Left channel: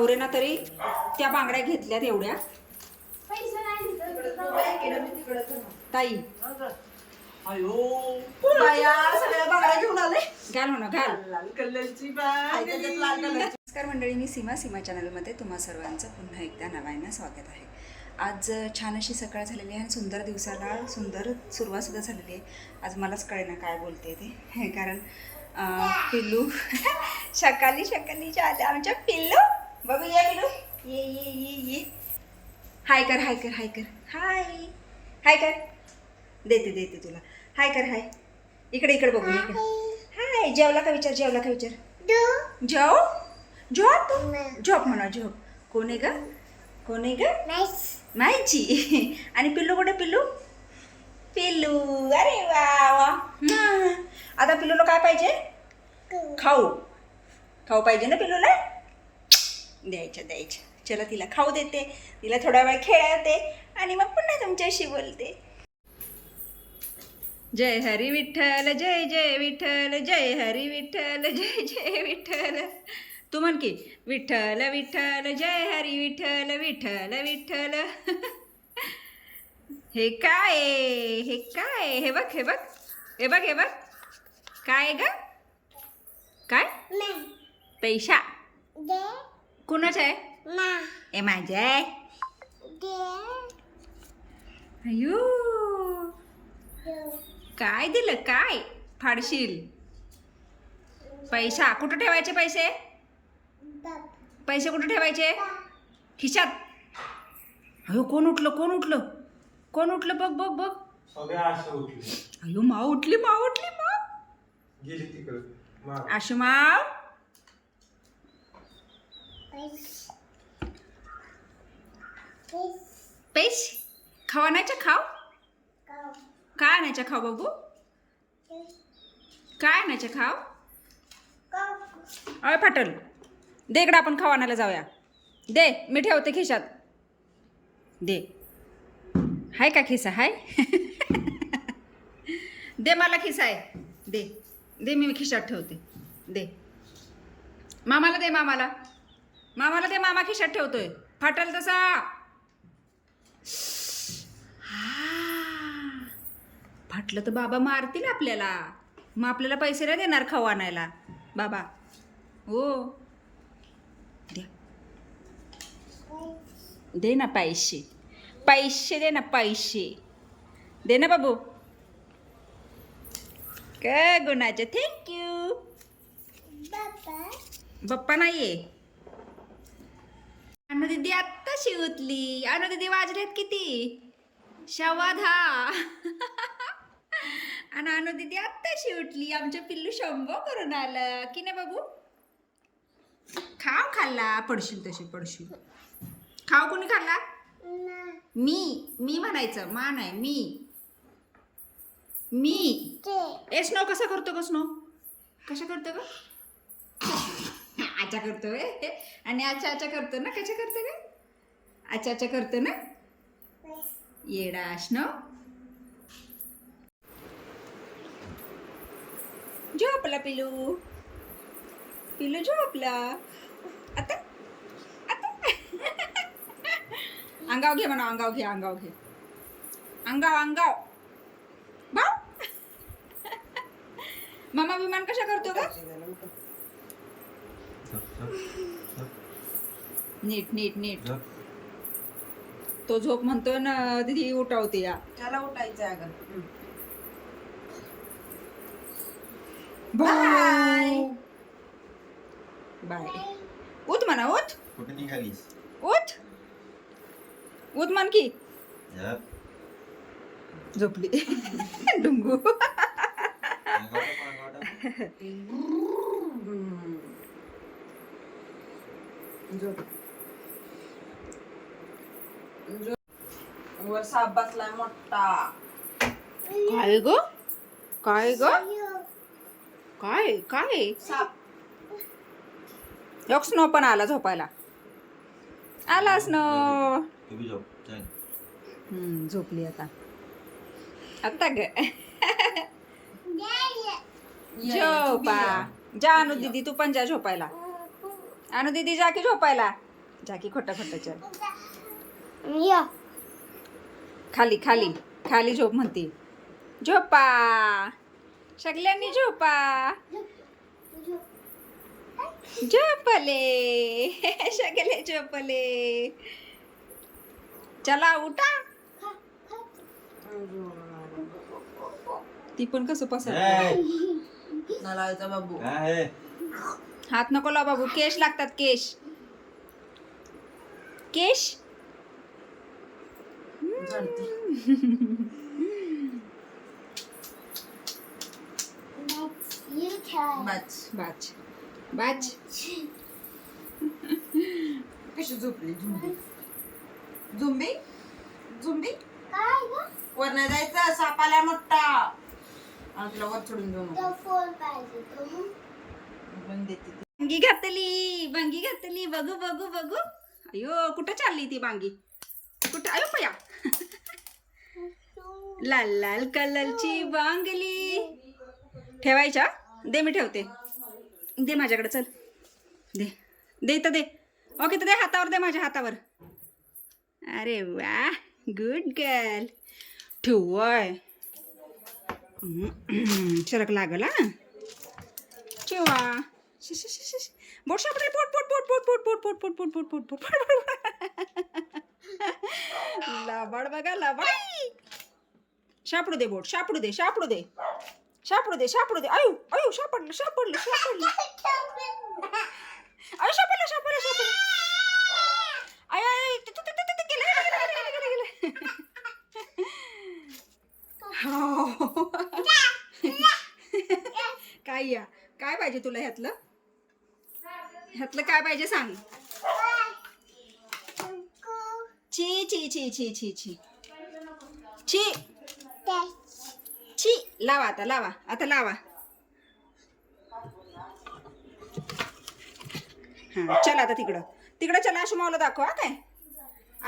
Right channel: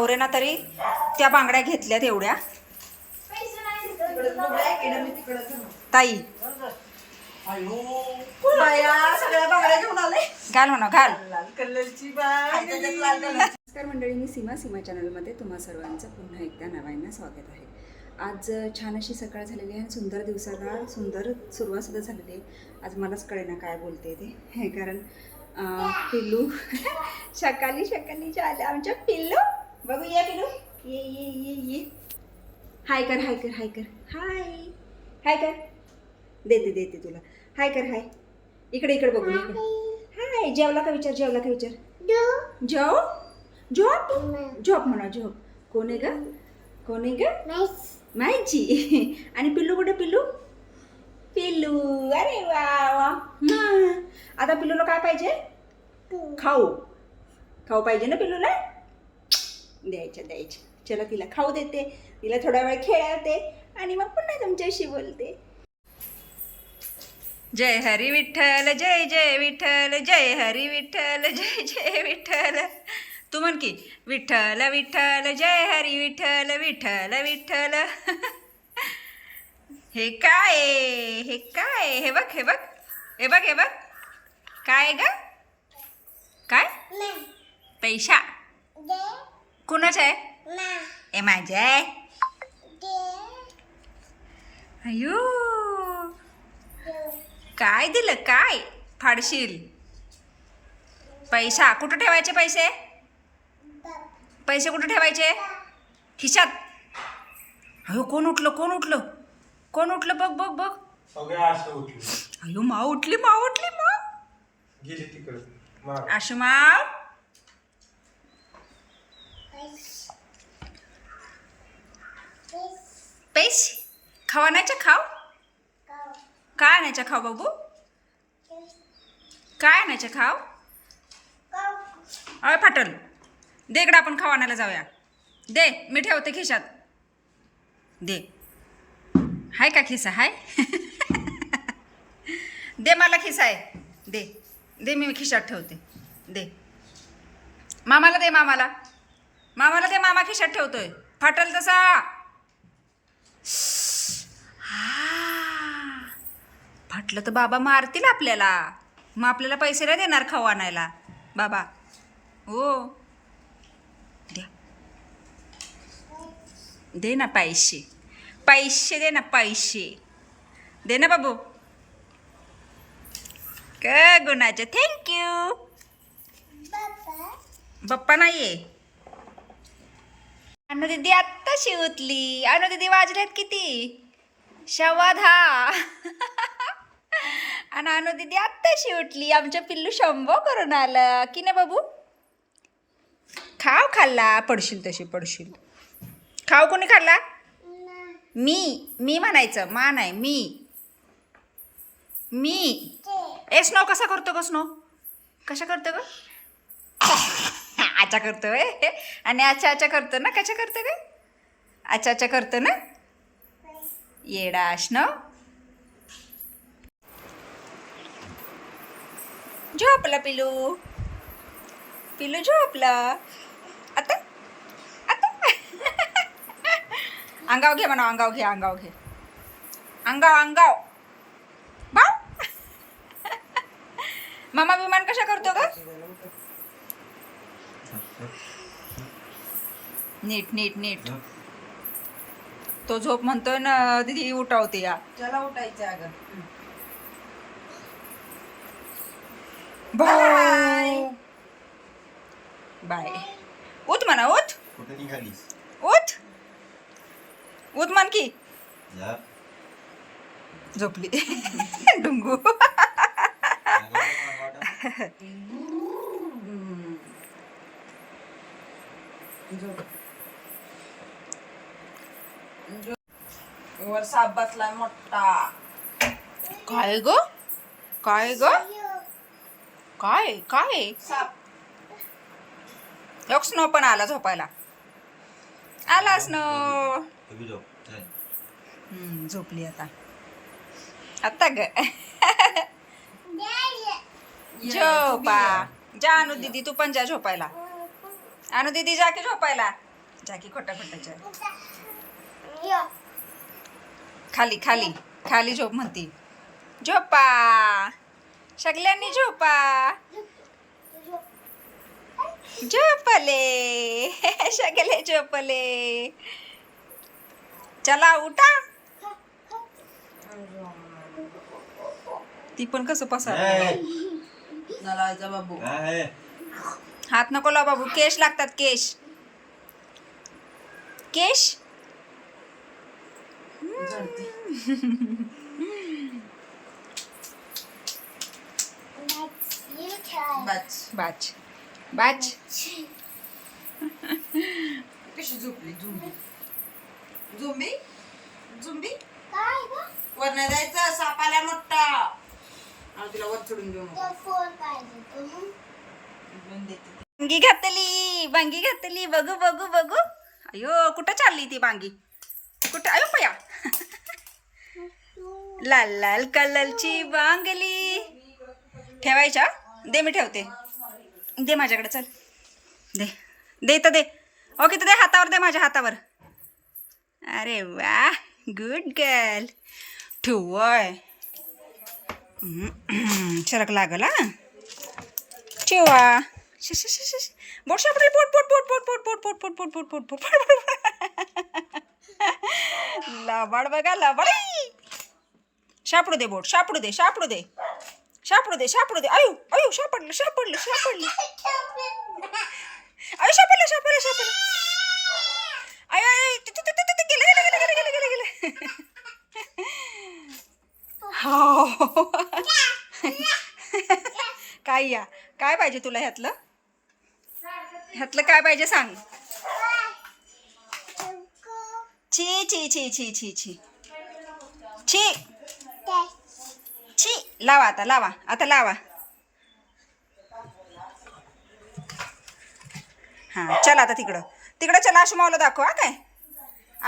नवरेना तरी त्या बांगड्या घेतल्यात एवढ्या. ताई सगळ्या बांगड्या घेऊन आले. घाल म्हणा घाल. लाल कलरची बांगडी. नमस्कार मंडळी, मी सीमा चॅनलमध्ये तुम्हा सर्वांचं पुन्हा एकदा नव्यानं स्वागत आहे. आज छान अशी सकाळ झालेली आहे आणि सुंदर दिवसाला सुंदर सुरुवातसुद्धा झालेली आहे. आज मलाच कळेना काय बोलते ते, कारण पिल्लू सकाळी आले आमच्या. पिल्लू बघू या, पिल्लू ये ये ये ये. हाय कर हाय कर हाय कर हाय हाय कर. देते तुला. हाय कर हाय. इकडे इकडे बघू इकडे. हाय. जेवला का विचार, जेवला का विचार. जेव झोप झोप म्हणा झोप. कोण आहे ग, कोण आहे ग. माहिती. आणि पिल्लू कुठे, पिल्लू पिल्लू. अरे वा वा. आता पिल्लूला काय पाहिजे, खाऊ. खाऊ पाहिजे ना पिल्लूला. द्यायच्या. चला तिला खाऊ देते, तिला थोडा वेळ खेळवते आणि मग पुन्हा तुमच्याशी बोलते. जय हरी विठ्ठल, जय जय विठ्ठल, जय हरी विठ्ठल, जय जय विठ्ठल. तू म्हण की विठ्ठल विठ्ठल, जय हरी विठ्ठल, विठ्ठल विठ्ठल. हे काय आहे, हे काय आहे. हे बघ हे बघ हे बघ हे बघ. काय ग, काय पैसा कुणाचा आहे. ए माझ्या आहे. अयो काय दिलं, काय फाडशील. पैसा कुठं ठेवायचे, पैसे पैसे कुठं ठेवायचे. खिशात. अयो कोण उठलं, कोण उठलं, कोण उठलं. बघ बघ बघ. अयो माव उठली, माव उठली, माव. आशू माव. पैसे खावा आणायच्या, खाव. काय आणायच्या खाव बाबू, काय आणायच्या खाव. अय फाटल. दे इकडं, आपण खाऊ आणायला जाऊया. दे, मी ठेवते खिशात. दे. हाय का खिसा, हाय. दे मला खिसा आहे. दे दे, मी खिशात ठेवते. दे मामाला, दे मामाला. मामाला दे, मामा खिशात ठेवतोय. फाटल तसा. फाटलं तर बाबा मारतील आपल्याला. मग आपल्याला पैसे नाही देणार खाऊ आणायला बाबा. हो द्या, दे ना पैसे. पैसे दे ना, पैसे दे ना बाबू. काय गुणाचे. थँक्यू. बाप्पा नाहीये. अनु दीदी आत्ताशी उठली. अनु दीदी वाजल्यात किती, 10:15. आणि अनु दीदी आत्ताशी उठली. आमच्या पिल्लू शंभो करून आलं की ना बाबू. खाव खाल्ला. पडशील तशी पडशील. खाव कोणी खाल्ला. मी म्हणायचं, मा नाही मी. ए स्नो कसा करतो ग, स्नो कशा करतो ग. आचा करतो आणि आचा करतो ना. कशा करतो ग, आचा करतो ना. येडा स्नो. झोपला पिलू, पिलू झोपला. आता अंगाव घे म्हणा, अंगाव घे, अंगाव घे, अंगाव भाऊ. मामा विमान कशा करतो का. नीट. तो झोप म्हणतोय ना दीदी, उठावते या. त्याला उठायचं अगं. बाय. उठ म्हणा, उठ उठ उठ म्हण की. झोपली. डुंगू. वर साप बसलाय मोठा. काय ग, काय ग, काय काय. लोक स्नो पण आला झोपायला. आला स्नो. झोपली आता. आता ग. झोपा. जा अनु दीदी, तू पण जा झोपायला. अनु दीदी जा की झोपायला. जाकी खोटा खोटाच्या खाली खाली खाली झोप म्हणते. झोपा सगळ्यांनी झोपा. झोपले सगळे झोपले. चला उठा. ती पण कसं पसार. नलायचा बाबू. हात नको लाव बाबू. केश लागतात केश. केश बाच बाच. कशी झोपली झुंबी झुंबी झुंबी वर नाही जायचं. साप आला मोठा आणि तुला वर चढून घेऊ बांगी घातली बांगी घातली. बघू बघू बघू. अयो कुठं चालली ती बांगी. कुठं अयो पया. लाल लाल कलरची बांगली. ठेवायच्या. दे मी ठेवते. दे माझ्याकडे. चल दे दे तर दे. ओके तर दे हातावर. दे माझ्या हातावर. अरे वा गुड गर्ल. ठेवय शरक लागल हा. ठेवा. बोट सापडेल. पोट पोट पोट पोट पोट पोट पोट पोट पोट पोट पोट पोट. लबाड बघा लबाड. सापडू दे बोट. सापडू दे सापडू दे सापडू दे सापडू दे. अयो अयो सापडलं सापडलं सापडलं. अयो सापडलं सापडलं सापडलं. अयो गेलं गेलं गेलं गेलं गेलं गेलं. हो काय या काय पाहिजे तुला ह्यातलं. ह्यातलं काय पाहिजे सांग. छी छी छी छी छी छी छी छी. लावा आता लावा आता लावा. हां चल आता तिकडं तिकडं चला. आशू माऊला दाखवा. काय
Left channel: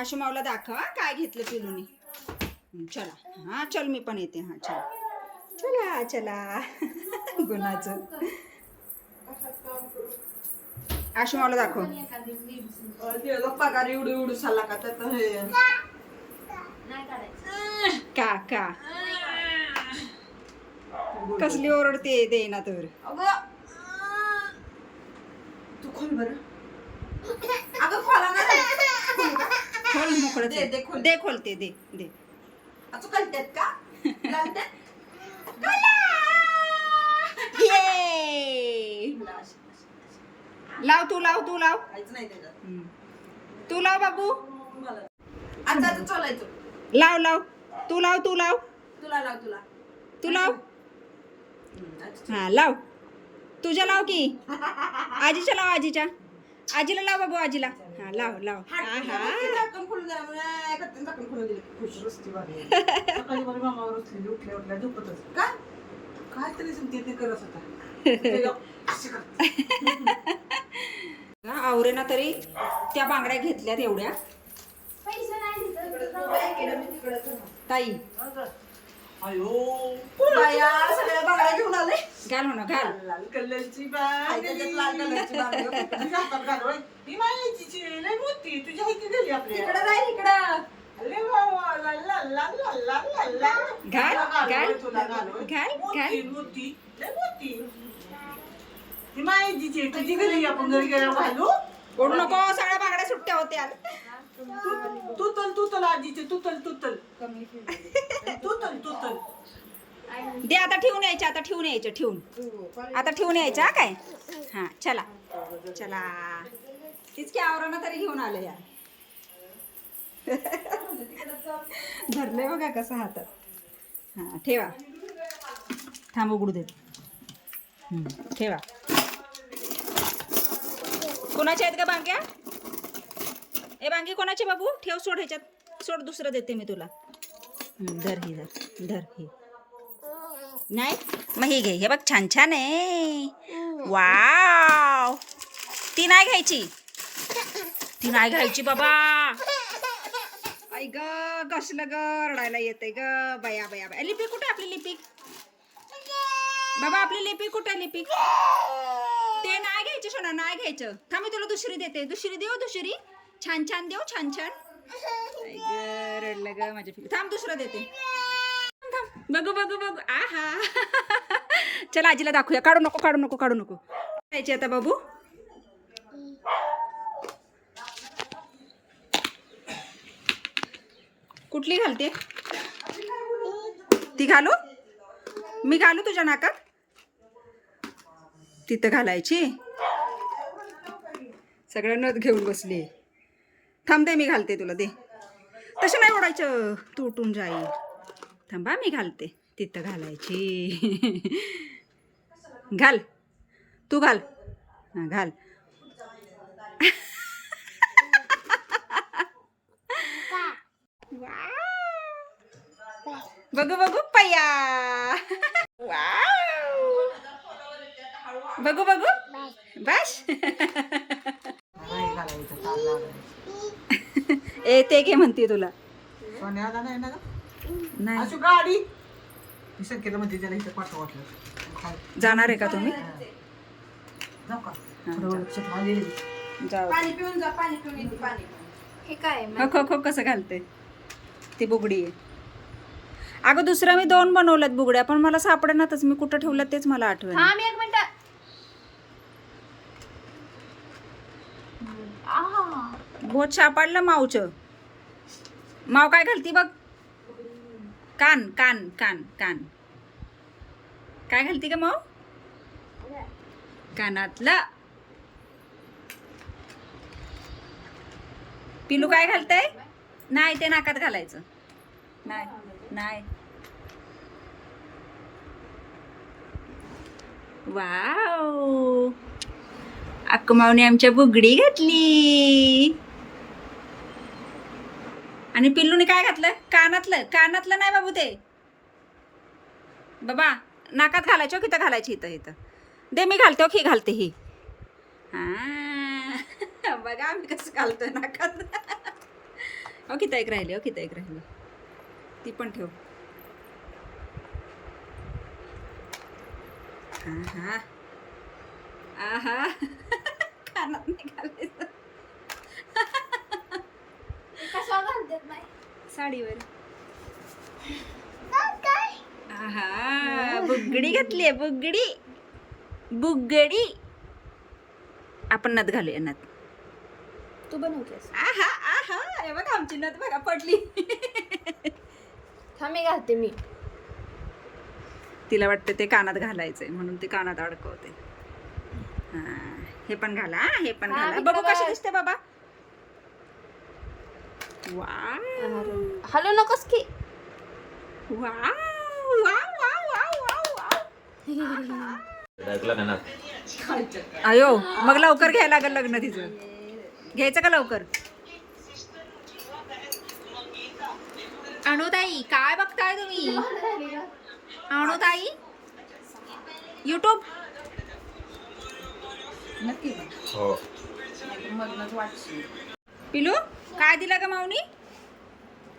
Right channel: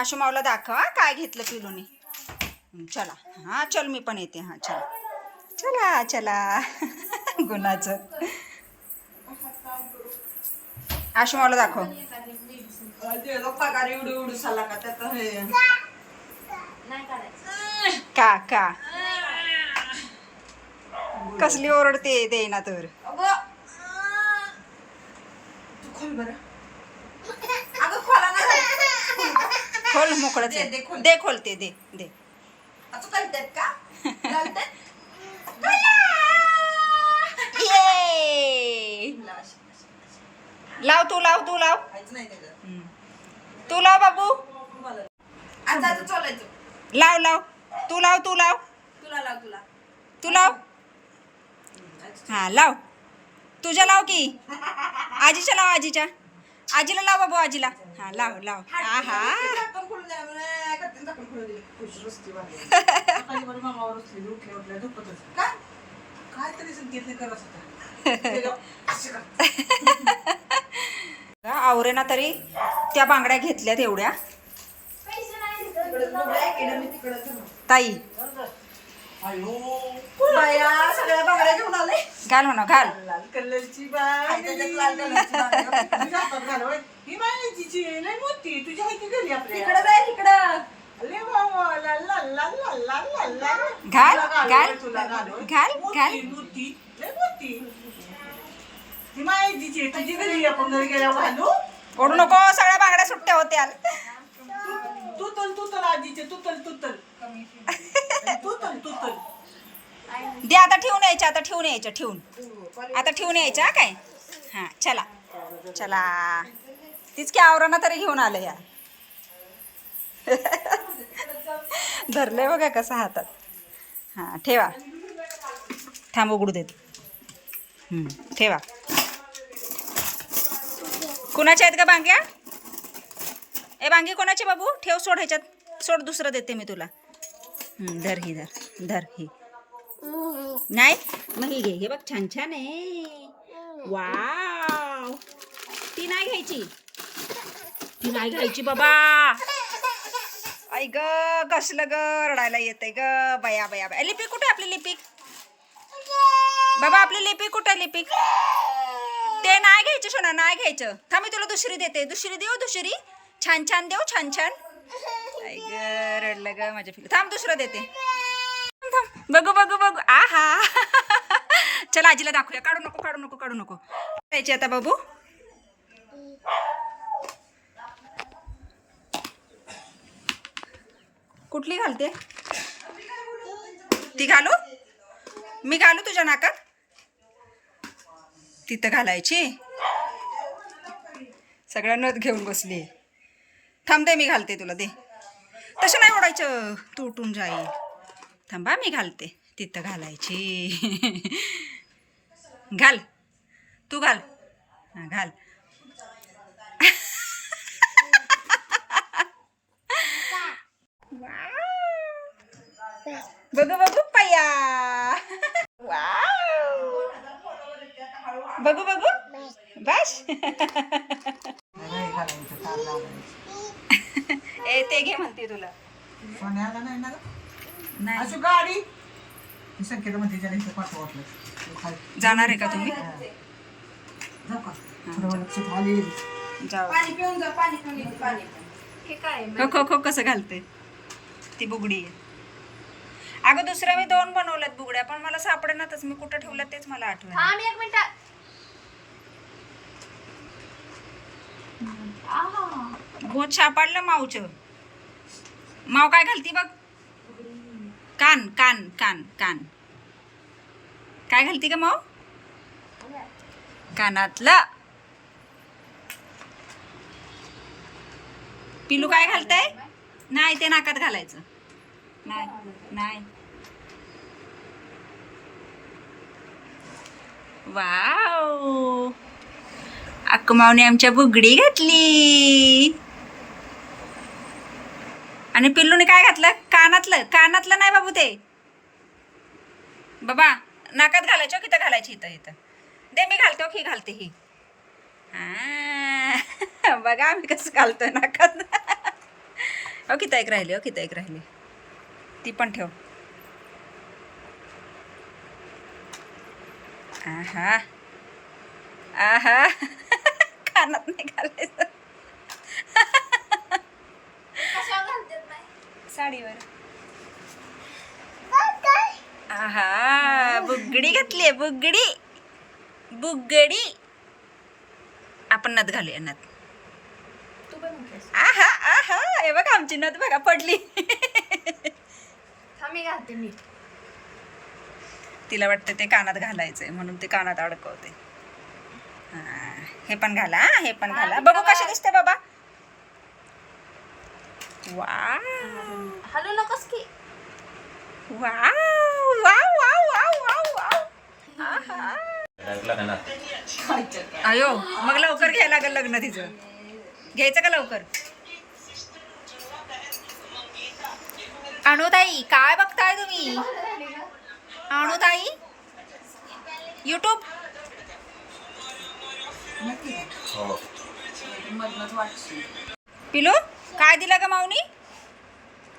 आशू माऊला दाखवा काय घेतलं पिलूनी. चला हां चल मी पण येते. हां चला चला चला. गुणाचं आशू माऊला दाखव. पगार एवढू एवढू झाला का त्यात हे का का कसली ओरडते दे ना तर. तू खोल बरं. अगं खोला नाही. खोल मोकळच दे, दे, खोल. दे खोलते दे दे. तू कळतात का ये लाव तू लाव तू लाव. नाही त्याच्यात. तू लाव बाबू. आता आता चालायचं. लाव लाव तू लाव तू लाव. तुला लाव तुला तू लाव. हां लाव. तुझ्या लाव की. आजीच्या लाव. आजीच्या आजीला लाव बाबू. आजीला हां लाव लाव. हा हा झाकण खोलून द्या म्हणे. करते झाकण खोलून दिले. खुश रस्ती वाली. सकाळी बरं मामावर उठली. उठल्या उठल्या झोपतच. काय काहीतरी संकेत करत होता. आवरेना तरी त्या बांगड्या घेतल्यात एवढ्या. ताई बाया सगळ्या बांगड्या घेऊन आले. घाल म्हणा घाल. लाल कलरची बांगडी. त्याच्यात लाल कलरची बांगडी. तुझ्या हातात घाल होय. ही बांगडीची लय मोठी. तुझ्या हाती गेली आपल्या. इकडे जाय इकडं. अरे बाबा ला ला ला ला ला ला ला. घाल घाल तुला घाल होय. घाल घाल. मोठी लय मोठी. ही माहितीची तुझी घरी आपण घरी गेल्यावर घालू. ओढू नको. सगळ्या बांगड्या सुट्ट्या होत्या. तू तल आजीचे तू तल दे आता ठेवून यायच्या. आता ठेवून यायच्या. ठेवून आता ठेवून यायच्या काय. हां चला चला. तीच की आवरणा तरी घेऊन आलं या. धरलंय बघा कसं हातात. हां ठेवा. थांब उघडू देत. ठेवा. कुणाच्या आहेत का बांग्या. ए बांगी कोणाची बाबू. ठेव. सोड ह्याच्यात. सोड. दुसरं देते मी तुला. धर ही धर धर ही. नाही मग ही घे. हे बघ छान छान आहे. वाव. ती नाही घ्यायची. ती नाही घ्यायची बाबा. आई ग कसलं ग रडायला येतंय ग. बया बया बया. लिपिक कुठे आपली लिपिक. बाबा आपली लिपिक कुठे. लिपिक ते नाही घ्यायचं सोना नाही घ्यायचं. थांब मी तुला दुसरी देते. दुसरी देऊ दुसरी. छान छान देऊ छान छान. आई ग रडलं ग माझ्या पिल्लू. थांब दुसरं देते. थांब बघू बघू बघू. आहा चला आजीला दाखवूया. काढू नको काढू नको काढू नको. करायची आता बाबू. कुठली घालते ती? घालू मी घालू तुझ्या नाकात? तिथं घालायची. सगळ्या नथ घेऊन बसली. थांब दे मी घालते तुला. दे तसं नाही ओढायचं तुटून जाईल. थांबा मी घालते. तिथं घालायची. घाल तू घाल. हां घाल. बघू बघू पया. वाव बघू बघू बस. ए ते घे म्हणते तुला. सोन्याला नाही ना नाही अशी गाडी संकेत म्हणते त्याला इथं पाठवा वाटलं. जाणार आहे का तुम्ही? जाऊ का? हां, जा. आली. जाऊ. पाणी पिऊन जा. पाणी पिऊन येते पाणी. हे काय खो खो खो कसं घालते ती बुगडी आहे. अगं दुसऱ्या मी 2 बनवल्यात बुगड्या पण मला सापडेनातच. मी कुठं ठेवल्यात तेच मला आठवण. एक मिनिट. बहुत सापडलं मावचं. माव काय घालती बघ. कान कान कान कान काय घालती का माव? कानातलं. पिलू काय घालतंय? नाही ते नाकात घालायचं. नाही नाही. वाव अक्कमावने आमच्या बुगडी घातली. आणि पिल्लूने काय घातलं? कानातलं. कानातलं नाही बाबू ते. बाबा नाकात घालायचं. किती घालायची? इथं इथं दे मी घालते. ही घालते ही. हां बघा आम्ही कसं घालतोय नाकात. अहो किती एक राहिली. किती एक राहिली. ती पण ठेव. आहा आहा कानात नाही घालायचं. साडीवर. आहा बुगडी घातली. बुगडी बुगडी. आपण नथ घालूया. नथ तू बनवतेस. आहा आहा हे बघा आमची नथ बघा पडली. थांबी घालते मी. तिला वाटतं ते कानात घालायचंय म्हणून ते कानात अडकवते. हां हे पण घाला. हे पण घाला. बघू कशी दिसते बाबा. वाव हॅलो नकोस की. Wow wow wow wow wow wow. आहा अयो मग लवकर घ्यायला लागेल लग्न तिचं. घ्यायचं का लवकर? अणुताई काय बघताय तुम्ही? अणुताई यूट्यूब. पिलू काय दिलं का माऊनी?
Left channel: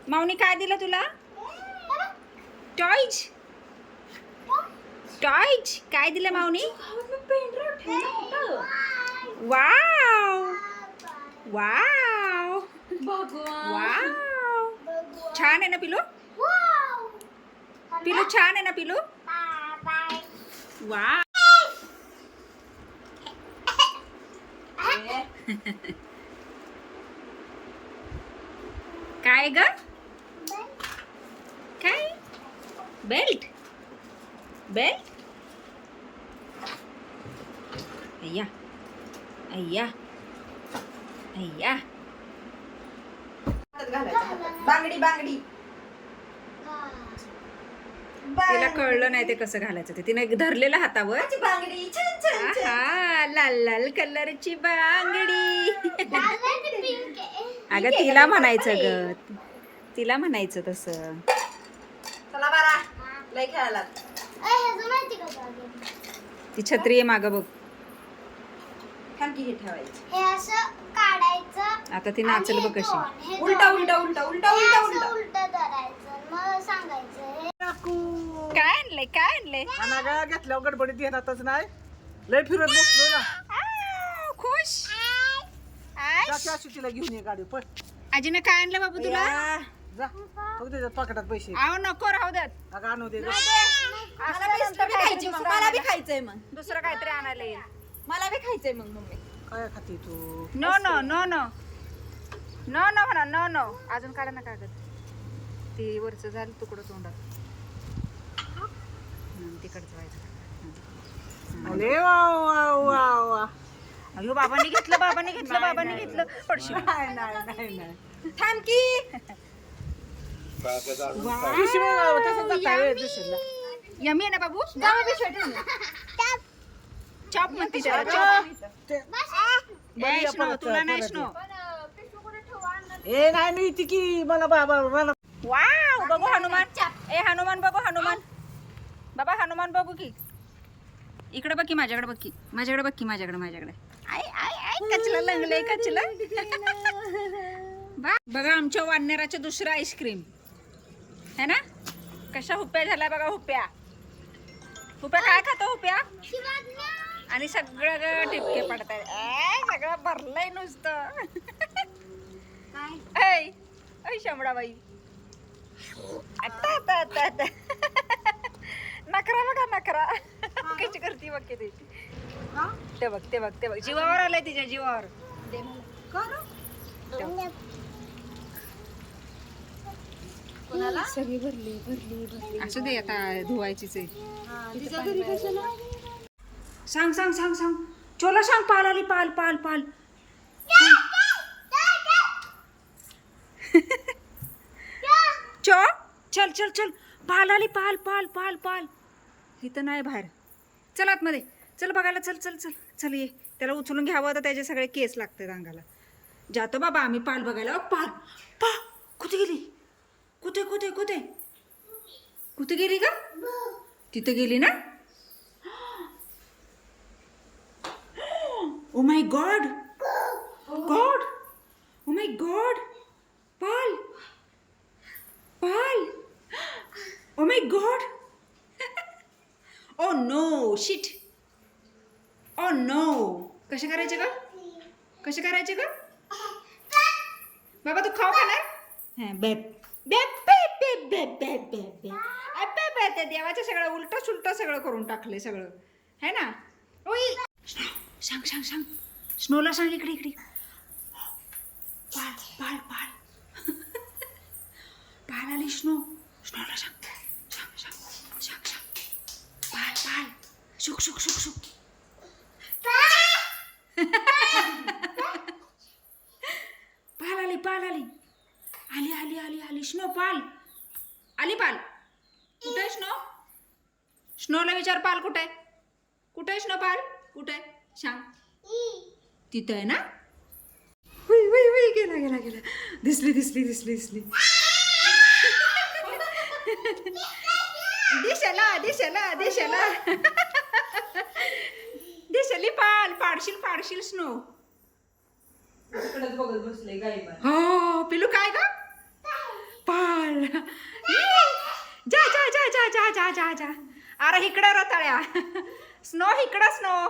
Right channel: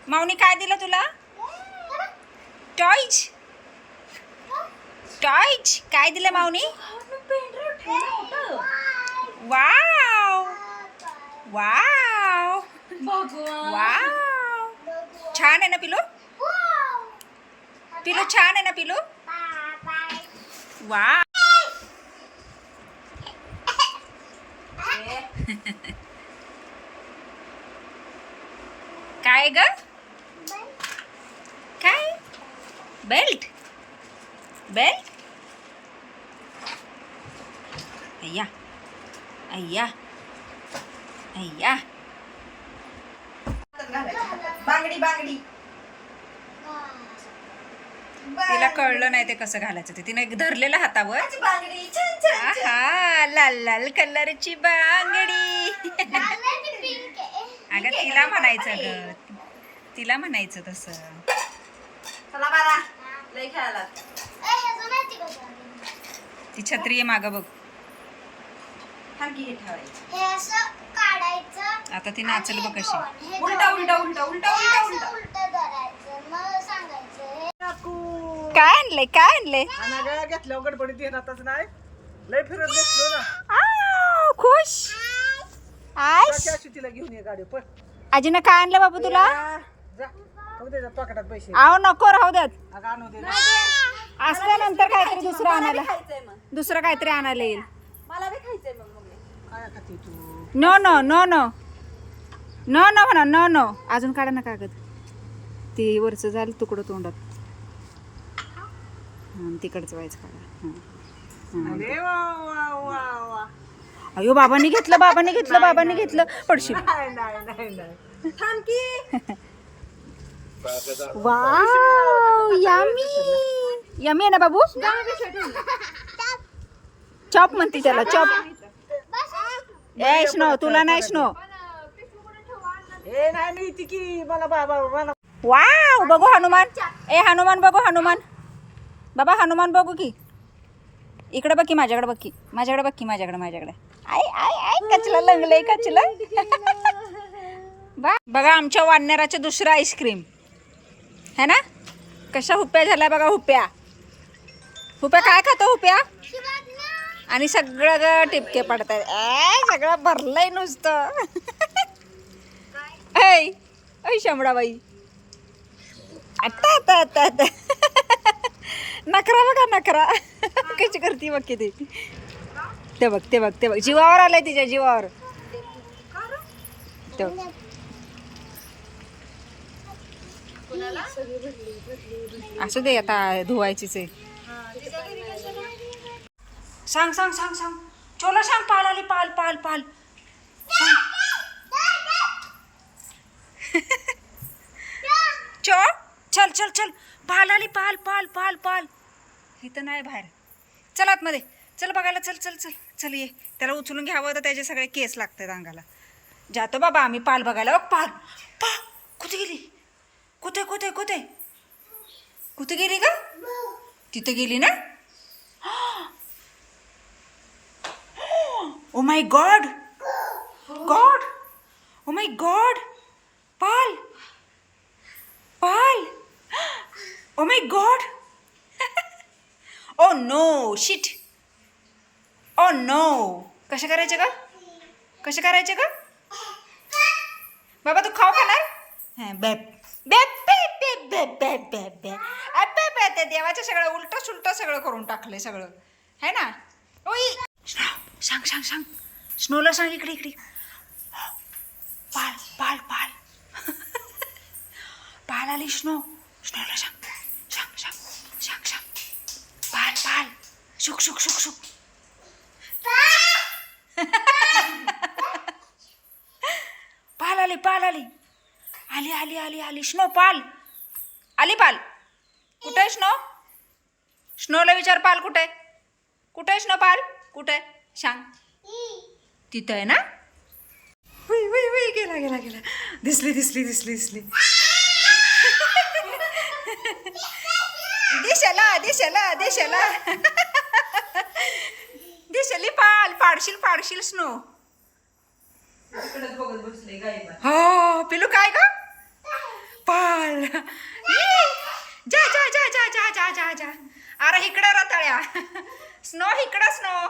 माऊनी काय दिलं तुला? टॉयज. टॉयज काय दिलं माऊनी? वाव वाव वाव छान आहे ना पिलू? पिलू छान आहे ना पिलू? वाव. काय ग? काय? बेल्ट. बेल्ट. अय्या अय्या अय्या. बांगडी बांगडी. तिला कळलं नाही ते कसं घालायचं. ते तिने धरलेलं हातावर. आहा लाल लाल कलरची बांगडी. अगं तिला म्हणायचं ग. तिला म्हणायचं तसं. चला बारा लय खेळायला. ती छत्री आहे मागं बघ. खालकी हे ठेवायचं. हे असं काढायचं. आता ती नाचल बघ कशी. उलटा उलटा उलटा उलटा उलटा उलटा. उलट धरायचं. मग सांगायचं काय आणलंय? काय आणलंय? अनागा घेतल्यावर गडबडीत येणारच नाही. लय फिरत बसलो ना. खुश. जा की तिला घेऊन ये गाडी पण आजीनं काय आणलं बाबू तुला जा तू त्याच्या पकडात पैसे आहो नको राहू द्यात अगं आणू दे जा. असल्यानंतर काहीतरी दुसरं आणायला दुसरं काहीतरी आणायला येईल मला बी खायचंय मग मम्मी. काय खाते तू no no no no no no म्हणा नो नो अजून काढा ना कागद ती वरचं झालं तुकडं तोंडात तिकडचं व्हायचं काढा अरे वा वा वा वा अयो बाबांनी घेतलं बाबांनी घेतलं पडशी नाही नाही नाही नाही थांब की. वाव यमी यमी आहे ना बाबू चॉप म्हणती त्याला चॉप ए स्नो तुला नाही स्नो हे नाही मी ती की मला बाबा मला वाव बघू हनुमान ए हनुमान बघू हनुमान बाबा हनुमान बघू की इकडे बघ की माझ्याकडे बघ की माझ्याकडे आय आय आय कचला लंगले कचला बघा आमच्या वाननेराचे दुसरं आईस्क्रीम है ना कशा हुप्या झाल्या बघा हुप्या काय खातो हुप्या आणि सगळं टिपके पडतात सगळं भरलंय नुसतं ऐ शंभराबाई आता आता आता आता नखरा बघा नखरा कशी करते बघ किती ते बघ जीवावर आलंय तिच्या जीवावर ते बघ. असू दे आता धुवायचीच आहे सांग चोला सांग पाल आली पाल चो चल पाल आली पाल इथं नाही बाहेर चल आतमध्ये चल बघायला चल ये त्याला उचलून घ्यावं तर त्याचे सगळे केस लागतात अंगाला जातो बाबा आम्ही पाल बघायला पाल कुठे गेली कुठे गेली का तिथे गेली ना ओ माय गॉड पाल oh my god oh no shit oh no कसे करायचे का बाबा तू खाऊ खाणार हां बेप ते देवाचं सगळं उलट सगळं करून टाकलंय सगळं है ना ओई सांग स्नोला सांग इकडे पाल पाल आली स्नोला सांग पाल शुक पाल आली स्नो पाल आली पाल कुठे आहे स्नोला विचार पाल कुठे आहे स्नो पाल कुठे सांग तिथं आहे ना वई गेला दिसली दिसली पाडशील स्नो हो पिलू काय ग पाल जा अरे इकडं रताळ्या स्नो हो इकडं हो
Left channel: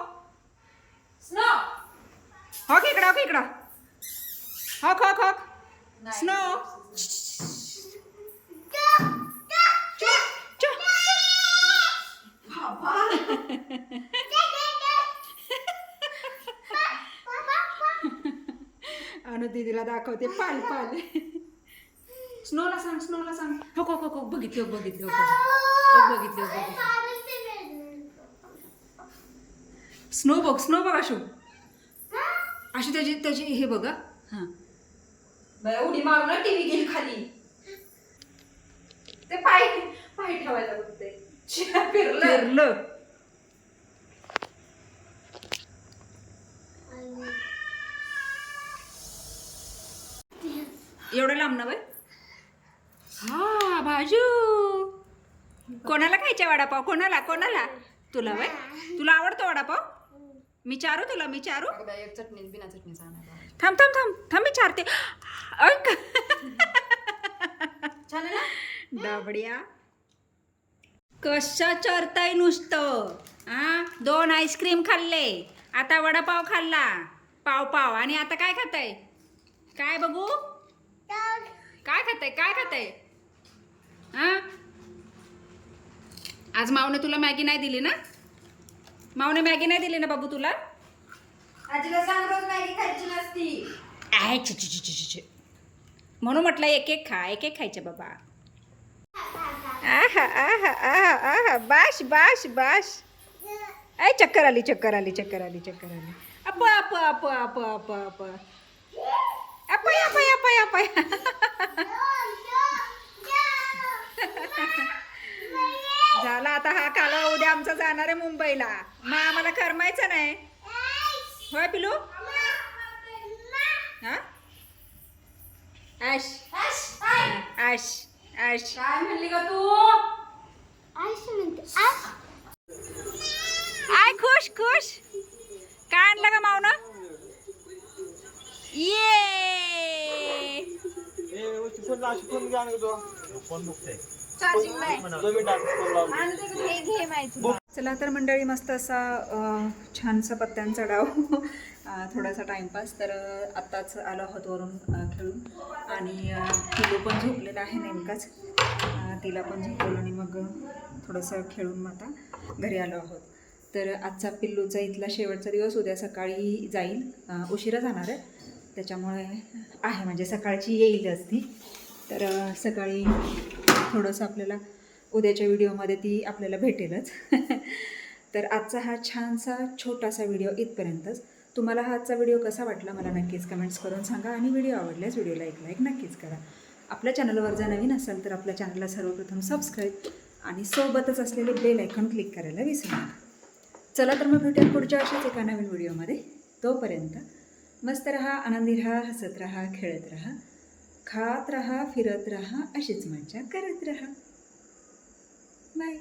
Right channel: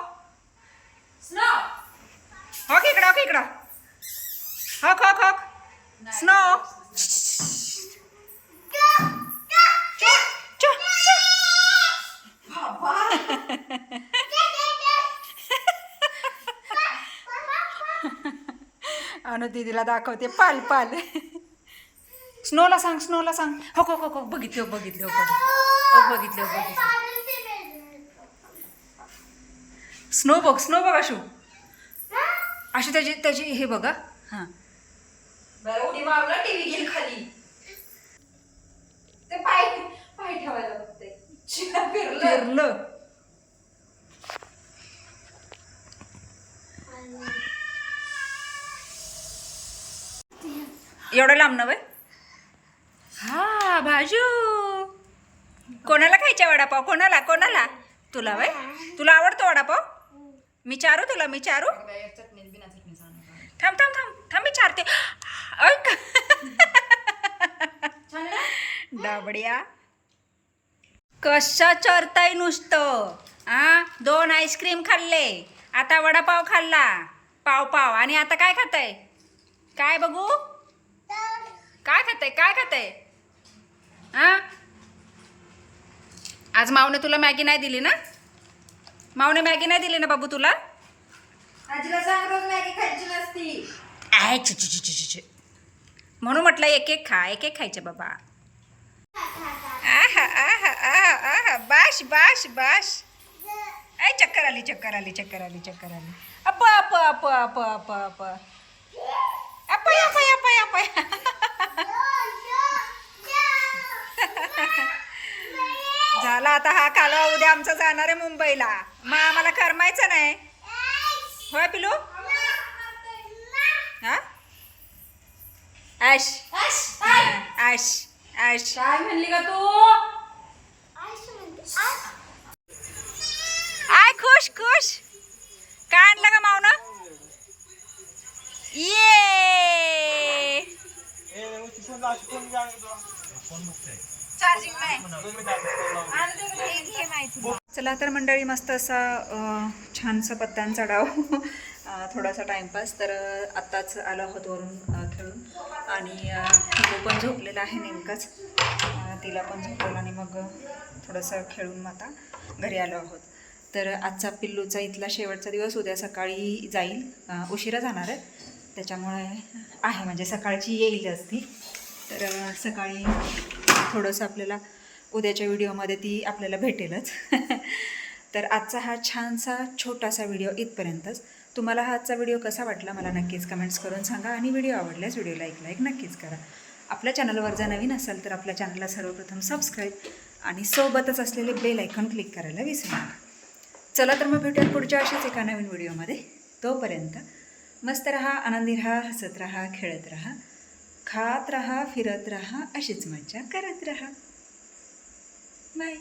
स्नो अनु दीदीला दाखवते पाल स्नोला सांग हो बघितलं स्नो बघ अशी त्याची हे बघा हां उडी मारून टीव्ही गेली खाली ते पाय ठेवायला बघते फिरलं एवढं लांब ना बाई हा भाजू कोणाला खायचा वडापाव कोणाला तुला बाई तुला आवडतो वडापाव मी चारू थांब मी चारते डाबड्या कशा चरताय नुसतं 2 आईस्क्रीम खाल्ले आता वडापाव खाल्ला पाव पाव. आणि आता काय खाताय? काय बघू? काय खाताय? हा? आज मावने तुला मॅगी नाही दिली ना? मावने मॅगी नाही दिली ना बाबू तुला? आजीला सांग रोज मॅगी खायची नसती. आहे म्हणून म्हटलं एक एक खा, एक एक खायचे बाबा. आहा आहा आहा आहा बाश बाश बाश. ऐ चक्कर आली. Up up up up up up अपाय अपाय अपाय अपाय. झाला आता हा कालवा. उद्या आमचा जाणार आहे मुंबईला. मग आम्हाला करमायचं नाही होय पिलू? हा आश आश आश. काय म्हणली का तू? आय खुश काय आणलं का मावना? ये चार्जिंग नाही. चला तर मंडळी, मस्त असा छानसा पत्त्यांचा डाव. थोडासा टाइमपास. तर आत्ताच आलो आहोत वरून खेळून. आणि पिलू पण झोपलेला आहे नेमकाच. तिला पण झोपवलं आणि मग थोडंसं खेळून मग आता घरी आलो आहोत. तर आजचा पिल्लूचा इथला शेवटचा दिवस. उद्या सकाळी जाईल. उशिरा जाणार आहे त्याच्यामुळे आहे, म्हणजे सकाळची येईलच ती. तर सकाळी थोडंसं आपल्याला उद्याच्या व्हिडिओमध्ये ती आपल्याला भेटेलच. तर आजचा हा छानसा छोटासा व्हिडिओ इथपर्यंतच. तुम्हाला हा आजचा व्हिडिओ कसा वाटला मला नक्कीच कमेंट्स करून सांगा. आणि व्हिडिओ आवडल्यास व्हिडिओला लाईक नक्कीच करा. आपल्या चॅनलवर जर नवीन असाल तर आपल्या चॅनलला सर्वप्रथम सबस्क्राईब आणि सोबतच असलेले बेल आयकॉन क्लिक करायला विसरू नका. चला तर मग भेटूया पुढच्या अशाच एका नवीन व्हिडिओमध्ये. तोपर्यंत मस्त रहा, आनंदी रहा, हसत रहा, खेळत रहा, खात रहा, फिरत रहा, अशीच मज्जा करत रहा. बाय.